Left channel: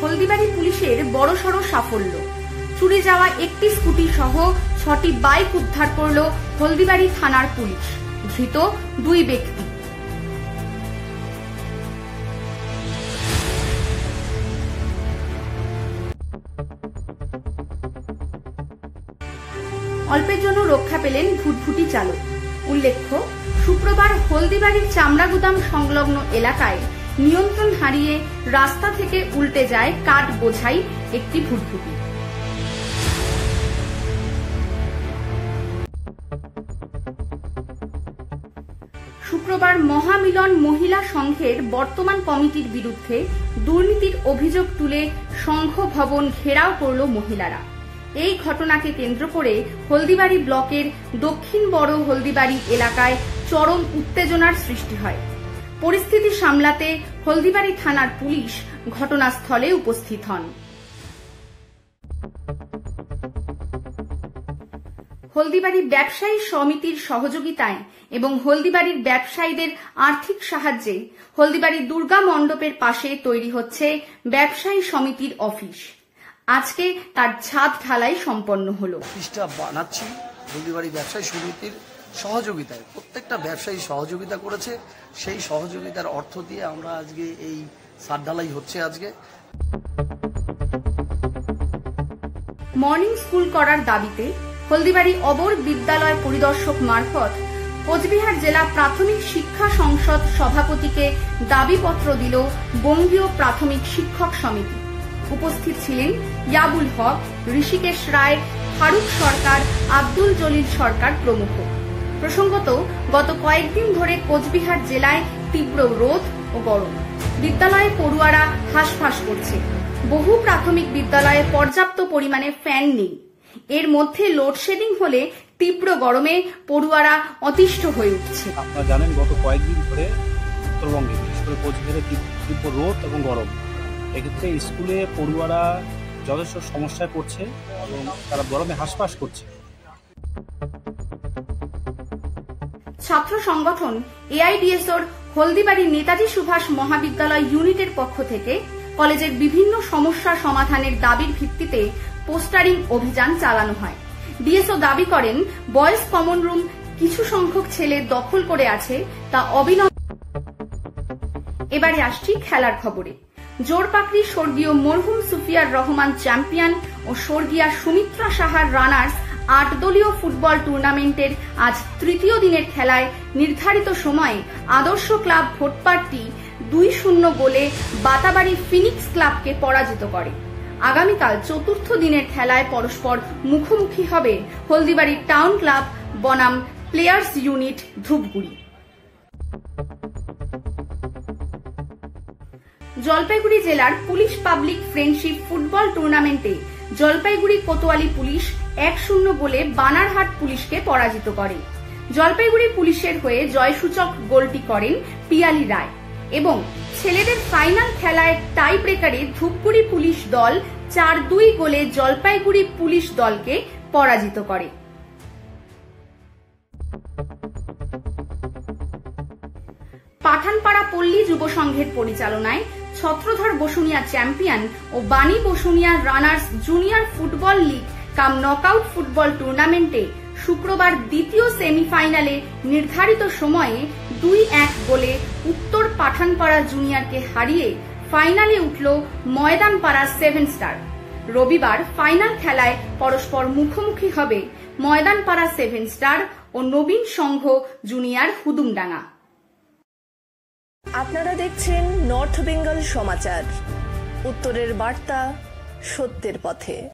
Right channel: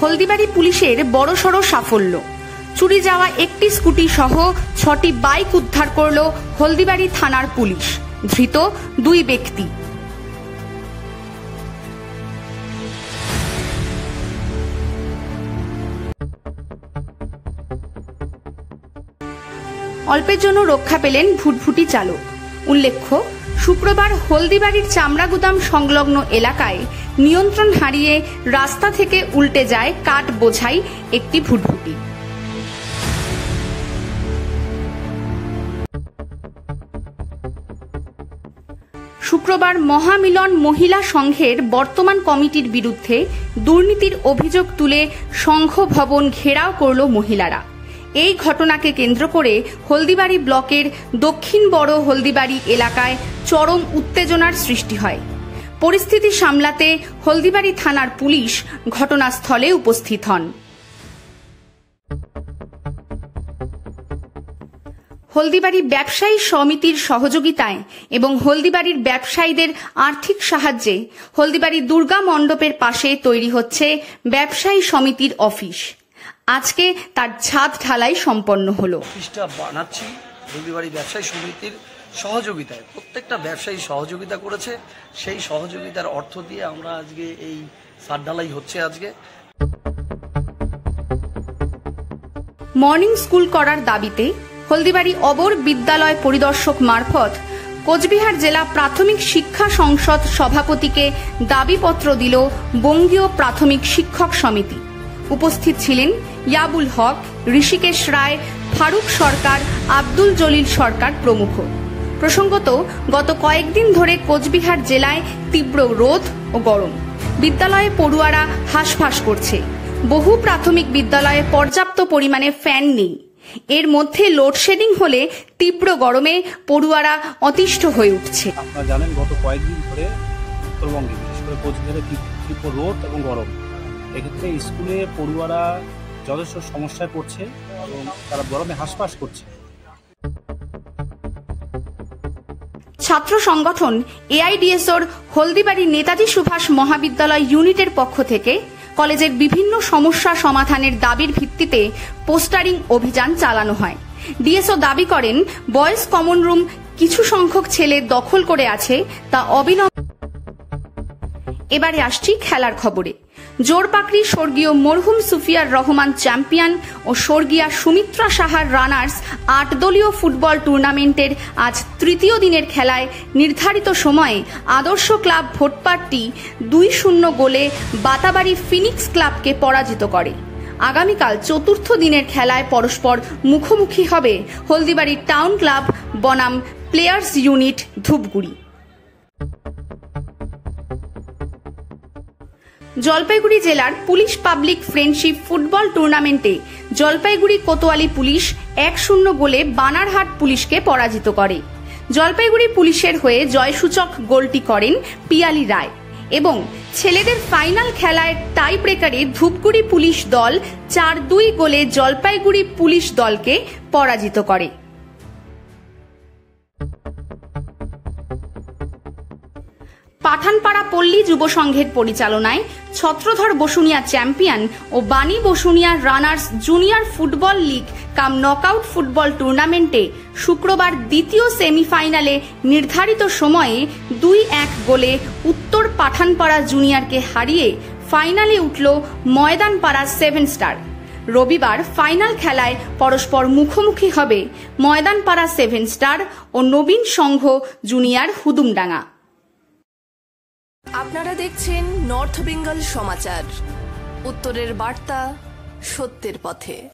হলদিবাড়ি পুলিশের বড়সড় সাফল্য। চুরি যাওয়া একটি স্কুটি সহ 6টি বাইক উদ্ধার করল হলদিবাড়ি থানার পুলিশ। ধৃত 2 ব্যক্তি। অল্পের জন্য রক্ষা পেলেন ভুটভুটি চালক। উল্লেখ্য, শুক্রবার হলদিবাড়ির চামড়া গুদাম সংলগ্ন এলাকায় নিয়ন্ত্রণ হারিয়ে রাস্তা থেকে উল্টে যায় কাঠ বোঝাই একটি ভুটভুটি। শুক্রবার মহামিলন মহিলা সংঘের বর্তমান কমিটির বিরুদ্ধে দুর্নীতির অভিযোগ তুলে সংঘ ভবন ঘেরাও করল মহিলারা। এই ঘটনাকে কেন্দ্র করে হলদিবাড়ি ব্লকের দক্ষিণ বড় হলদিবাড়ি এলাকায় চরম উত্তেজনার সৃষ্টি হয়। পরিস্থিতি সামলাতে হলদিবাড়ি থানার পুলিশ ঘটনাস্থলে উপস্থিত হন। হলদিবাড়ি ব্যবসায়ী সমিতির সহযোগিতায় এবং হলদিবাড়ির ব্যবসায়ীদের আর্থিক সাহায্যে হলদিবাড়ি দুর্গা মণ্ডপের পাশে তৈরি হচ্ছে ব্যবসায়ী সমিতির অফিস। আজকে তার ছাদ ঢালাই সম্পন্ন হলো। অফিসটা বানাচ্ছি হলদিবাড়ি ব্যবসায়ী সমিতির সহযোগিতায়। প্রত্যেকটা ব্যবসায়ী সহযোগিতা করেছে, সেই সহযোগিতার অর্থ দিয়ে আমরা আজকে এই ছাদ ঢালাই হচ্ছে। আজকে মর্নিং স্কুল করার দাবিতে হলদিবাড়ি অবর বিদ্যালয় পরিদর্শক মারফত কোচবিহার জেলা প্রাথমিক শিক্ষা সংসদ সভাপতিকে দাবিপত্র দিল বঙ্গীয় প্রাথমিক শিক্ষক সমিতি। উপস্থিত ছিলেন ইয়াবুল হক, ঋষিকেশ রায়, ফারুক সরকার, আব্দুল জলিল সরকার প্রমুখ। প্রসঙ্গত, গত কয়েকদিন ধরে কোচবিহার জেলায় তীব্র রোদ ও গরম। বিদ্যালয়ে পড়ুয়ারা হাঁসফাঁস করছে। বহু প্রাথমিক বিদ্যালয়ে পর্যাপ্ত পরিমাণে ফ্যান নেই। এর মধ্যে লোডশেডিং হলে তীব্র গরমে পড়ুয়ারা অতিষ্ঠ হয়ে উঠছে। আপনারা জানেন, গত কয়েকদিন ধরে উত্তরবঙ্গে বিশেষ করে কোচবিহারে তীব্র রোদ এবং গরম। এক্ষেত্রে স্কুলে পড়ুয়ারা যথেষ্ট সমস্যায় পড়ছে এবং তারা গরমে হাঁসফাঁস করছে। ছাত্র সংগঠন এআইডিএসওর হলদিবাড়ি নেতাজি সুভাষ মহাবিদ্যালয় ইউনিটের পক্ষ থেকে কলেজের বিভিন্ন সমস্যা সমাধানের দাবির ভিত্তিতে পোস্টারিং অভিযান চালানো হয়। ডিএসও দাবি করেন, বয়েজ কমন রুম কিছু সংখ্যক ছেলে দখল করে আছে, তা অবিলম্বে। এবারে আসছি খেলার খবরে। জোরপাকড়ি স্বর্গীয় মরহুম সুফিয়ার রহমান চ্যাম্পিয়ন ও স্বর্গীয়া সুমিত্রা সাহার রানার্স 8 দলীয় ফুটবল টুর্নামেন্টের আজ তৃতীয় দিনের খেলায় নির্ধারিত সময়ে আদর্শ ক্লাব ভোটপাট্টি 2-0 গোলে বাতাবাড়ি ফিনিক্স ক্লাবকে পরাজিত করে। আগামীকাল চতুর্থ দিনের খেলায় পরস্পর মুখোমুখি হবে হলদিবাড়ি টাউন ক্লাব বনাম প্লেয়ার্স ইউনিট ধূপগুড়ি। জলপাইগুড়ি জেলার পুলিশ পাবলিক ফ্রেন্ডশিপ ফুটবল টুর্নামেন্টে জলপাইগুড়ি কোতোয়ালি পুলিশ 1-0 গোলে বানারহাট পুলিশকে পরাজিত করে। জলপাইগুড়ি পুলিশের হয়ে জয়সূচক গোলটি করেন পিয়ালি রায় এবং ছেলেদের ফাইনাল খেলায় টাই ব্রেকারে ধূপগুড়ি পুলিশ দল 4-2 গোলে জলপাইগুড়ি পুলিশ দলকে পরাজিত করে। পাঠানপাড়া পল্লী যুব সংঘের পরিচালনায় ছত্রধর বসুনিয়া চ্যাম্পিয়ন ও বাণী Basunia runners junior football league কাম নকআউট ফুটবল টুর্নামেন্টে শুক্রবার দ্বিতীয় সেমিফাইনালে নির্ধারিত সময়ে 2-1 গোলে উত্তর পাঠানপাড়া জুনিয়রকে হারিয়ে ফাইনালে উঠল ময়দানপাড়া 7 স্টার। রবিবার ফাইনাল খেলায় পরস্পর মুখোমুখি হবে ময়দানপাড়া 7 স্টার ও নবীন সংঘ জুনিয়র হুদুমডাঙ্গা। আপনারা দেখছেন নর্থ বেঙ্গল সমাচার, উত্তরের বার্তা, সত্যের পথে।